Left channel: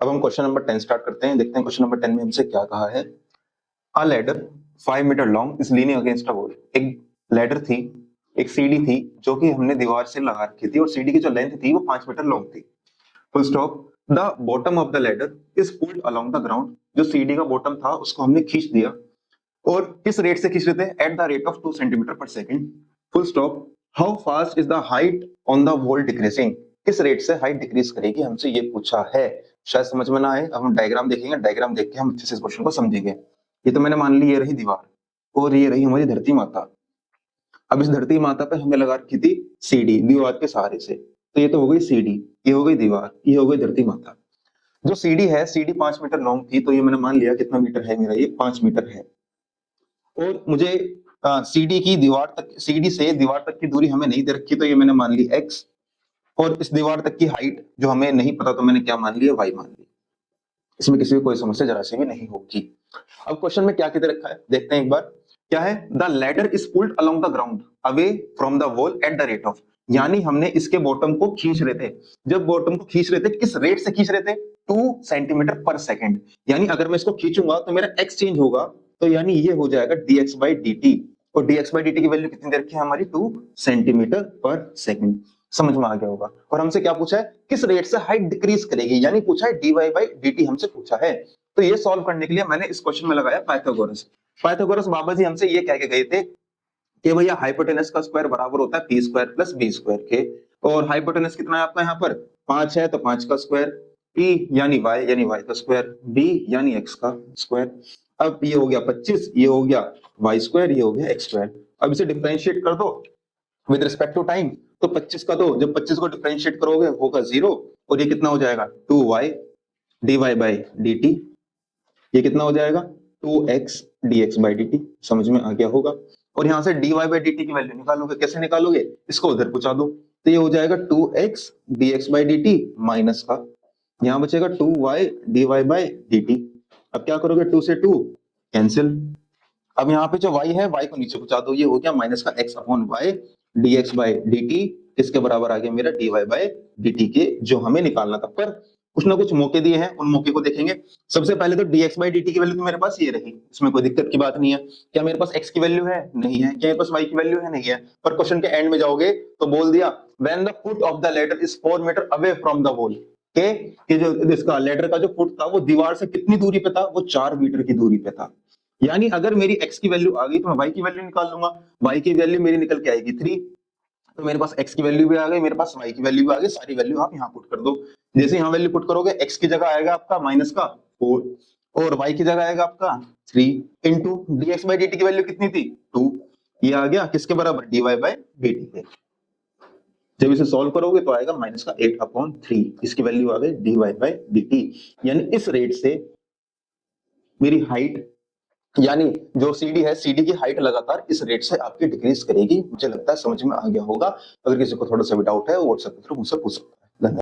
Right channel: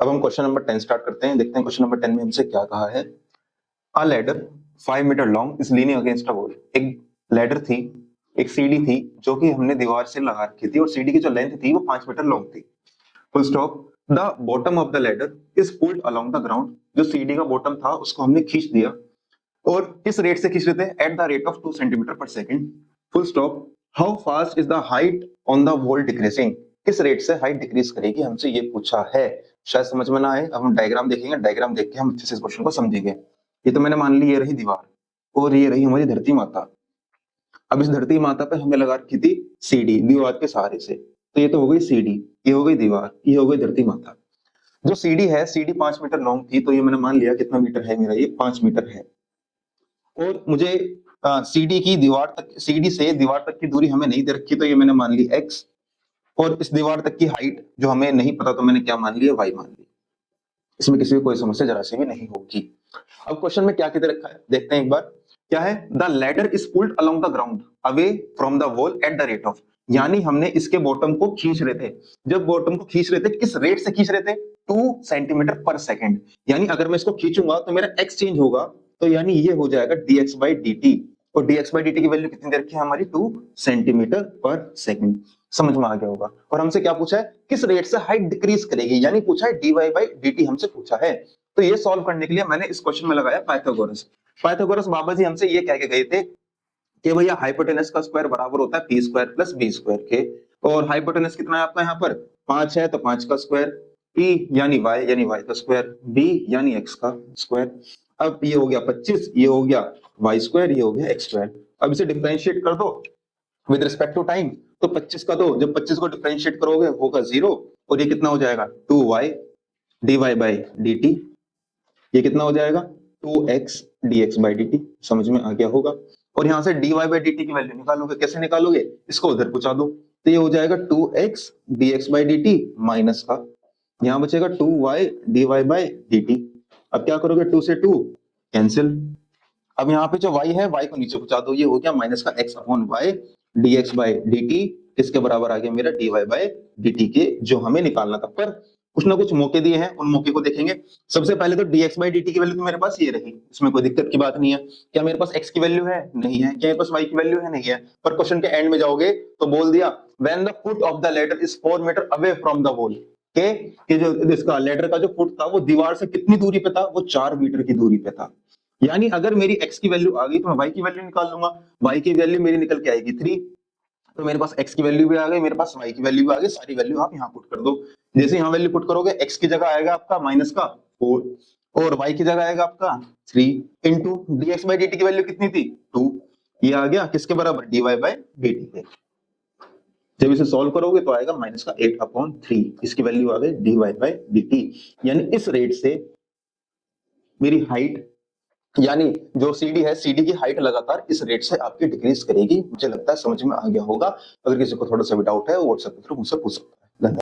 अब हम question number 10 start करते हैं। देखते हैं क्वेश्चन नंबर 10 में हमसे क्या कहा है। A ladder 5 metre long is leaning against a wall. एक लैडर थी, एक सीढ़ी थी जो कि हमने दीवार से लगा रखी थी और सीढ़ी की जो लेंथ थी वो 5 मीटर लॉन्ग थी। First of the bottom of the ladder is pulled along the ground. जो सीढ़ी का बॉटम था उसको हमने खींच दिया और किस रेट से खींच रहे थे? At the rate of 2 centimetre per second. Full stop. How fast is the height on the wall decreasing. किस रेट से हाइट डिक्रीज करेगी, हमसे ये पूछा है। शायद समझ में ना आए, अब हम डायग्राम देखेंगे, डायग्राम देख के हम अच्छे से इस क्वेश्चन को समझेंगे। ये तो मैंने मान ली ये रही दीवार और ये रही हमारी धरती माता। अब इस धरती माता पे हमने लगा रखी थी सीढ़ी दीवार के सहारे से। तो ये तो हो गई सीढ़ी, ये हो गई दीवार, ये हो गई धरती माता। जो सीढ़ी है, सीढ़ी 5 मीटर लॉन्ग थी, तो ये मैंने मान लिया कितना मीटर है मेरा, ये 5 मीटर है। और मुझे सीढ़ी की दीवार तक, सीढ़ी से दीवार तक की दूरी हमें नहीं दे रखी, तो ये मैंने मान ली x। और इस दीवार तक की हाइट जो हमें नहीं पता, तो मैंने क्या मान लिया, y मान ली। इसमें किसी को कोई समस्या जरा सी में नहीं होगी। अब क्वेश्चन में क्या किधर रखा है देखते हैं एक बार। क्या है? The ladder is pulled along the ground away from the wall at the rate of. यानी हमने इसके बॉटम को खींच रहे थे। जब बॉटम को खींच रहे थे, किस रेट से खींच रहे थे? 2 सेंटीमीटर पर सेकंड। यानी अगर मैं इसको खींचूंगा तो मेरा x चेंज होगा, तो यानी ये हो जाएगा dx by dt। और dx by dt की वैल्यू कितनी दे रखी है हमारी? 2 सेंटीमीटर पर सेकंड। समझ में आ गया होगा। और हमसे क्या पूछा है? किस रेट से हाइट डिक्रीज करेगी, यानी पूछा है dy by dt हमसे पूछा है। तो ये सॉल्व करने के लिए मैंने इस क्वेश्चन में लगाया पाइथागोरस। पाइथागोरस बाबा जी हमसे ये कह के गए थे कि भैया हाइपोटेनस का स्क्वायर बराबर होता है P square plus B square के। और हाइपोटेनस कितना है आपका यहाँ पर? 5 है, तो 5 का स्क्वायर। पी यानी y का स्क्वायर, बी यानी x का स्क्वायर। अब ये हो गया 25, ये हो गया y स्क्वायर, ये हो गया x स्क्वायर। अब इसे डिफरेंशिएट कर दो विद रिस्पेक्ट टू टाइम। तो 25 का, तो जब 25 को डिफरेंशिएट करोगे होगा 0, और ये कितना हो जाएगा? 2y dy by dt। ये कितना हो जाएगा? 2x dx by dt। समझ में आ गया होगा। और यहाँ से dy by dt की वैल्यू निकालोगे, कैसे निकालोगे? इसको उधर पहुंचा दो, तो ये हो जाएगा 2x dx by dt minus का, यहाँ बचेगा 2y dy by dt। अब क्या करोगे? 2 से 2 कैंसिल। अब यहाँ पे जो y है, y को नीचे पहुंचा दो, ये हो गया माइनस का x upon y dx by dt। किसके बराबर आ गया मेरा? dy by dt के, जो हमें निकालना था। पर कुछ ना कुछ मौके दिए हैं, उन मौके को देखेंगे। सबसे पहले तो dx by dt की वैल्यू तो मेरे पास ये रही, इसमें कोई दिक्कत की बात नहीं है। क्या मेरे पास x की वैल्यू है? नहीं है। क्या मेरे पास y की वैल्यू है? नहीं है। पर क्वेश्चन के एंड में जाओगे तो बोल दिया when the foot of the ladder is 4 metre away from the wall. कि जो इसका लेटर का जो फुट था वो दीवार से कितनी दूरी पे था? वो 4 मीटर की दूरी पे था। यानी अगर मेरी x की वैल्यू आ गई तो मैं y की वैल्यू निकाल लूंगा। y की वैल्यू मेरी निकल के आएगी 3। तो मेरे पास x की वैल्यू भी आ गई, मेरे पास y की वैल्यू भी आ गई। सारी वैल्यू आप यहाँ पुट कर दो। जैसे यहाँ वैल्यू पुट करोगे, x की जगह आएगा आपका माइनस का 4 और y की जगह आएगा आपका 3 इंटू dx by dt की वैल्यू कितनी थी? 2। ये आ गया किसके बराबर? dy by dt के। जब इसे सॉल्व करोगे तो आएगा माइनस का 8/3। इसकी वैल्यू आ गई dy by dt। यानी इस रेट से मेरी हाइट, यानी जो सीडी है, सीडी की हाइट लगातार इस रेट से आपकी डिक्रीज करेगी। मुझे लगता है समझ में आ गया होगा। अगर किसी को थोड़ा सा भी डाउट है वो व्हाट्सएप पे मुझसे पूछ सकता है।